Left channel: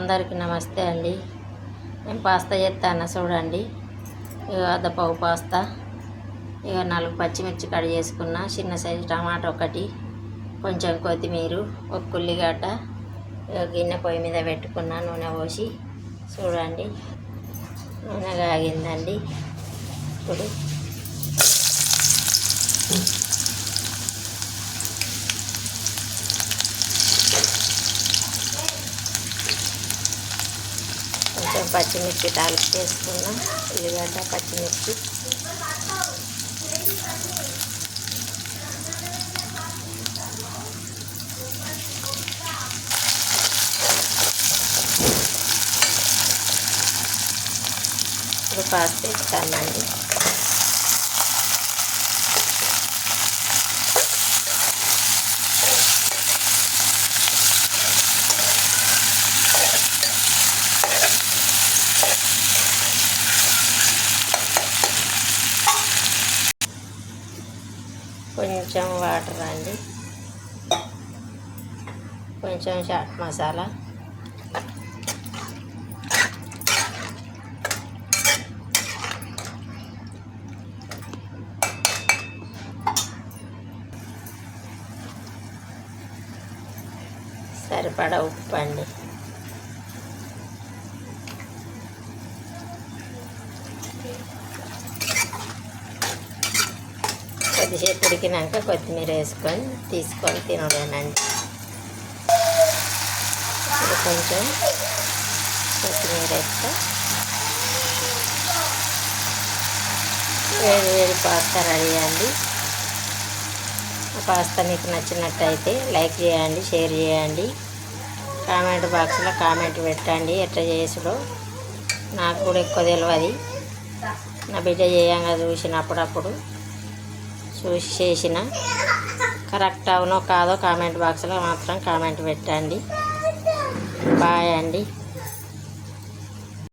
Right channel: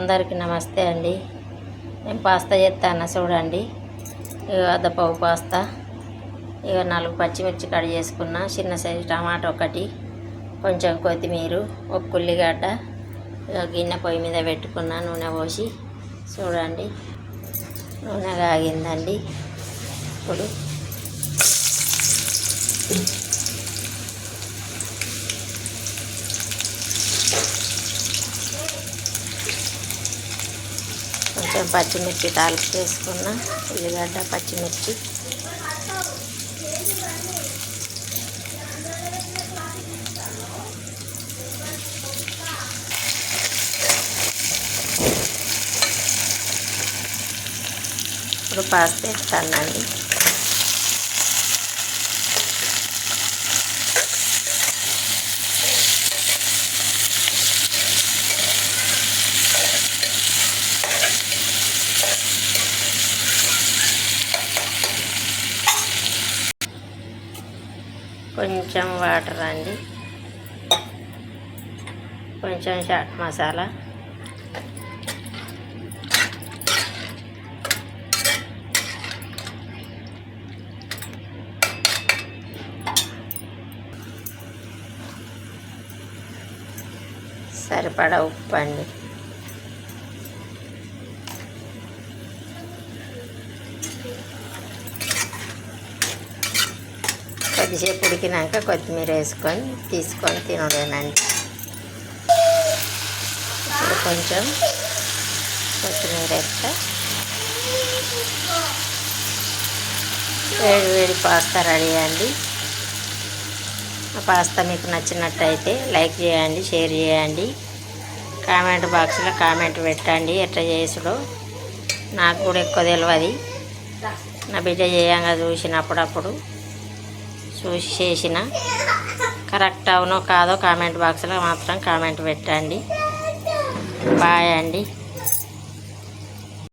అందరికీ నమస్తే అండి. నేను పాస్తా చేస్తాను చూడండి. ఇక అద్దపావు పాస్తా, ఇక 4 పచ్చిమిర్చి కట్ చేసుకున్న, చిన్న సైజు టమాటా ఒకటి, కొంచెం కొత్తిమీర, ఒక ఉల్లిగడ్డ. ఇక గిన్నె పొయ్యి మీద పెట్టుకున్న, నూనె పోసి చూడండి. నూనె కాగిందండి. ఇప్పుడు కొంచెం పచ్చిమిర్చి తాలింపు వేసుకున్న, ఉల్లిగడ్డ, పచ్చిమిర్చి. ఇప్పుడు పాస్తా వేస్తానండి. కొంచెం వాటర్ అండి, కొంచెం చాట్ మసాలా, సరిపడా ఉప్పు అండి. కొద్దిసేపు ఉడికినాక కొత్తిమీర వేసుకొని తీసుకొని తినడేనండి. ఇప్పుడు కొంచెం కొత్తిమీర వేస్తా. వేడి వేడి పాస్తా రెడీ అండి. ఆ పాస్తా మీకు నచ్చినట్టయితే లైక్ చేయండి, షేర్ చేయండి, కామెంట్ బాక్స్లో కామెంట్ పెట్టండి. ఎట్లా చేసుడో నాకు కూడా ఎక్కువ తెలియదు. నా బిడ్డ చేయంగా చూసినప్పుడప్పుడు చూసి చేసిన. కరెక్ట్ అవునో కాదో కామెంట్ బాక్స్లో మాత్రం కామెంట్ పెట్టండి. బాయ్ అండి.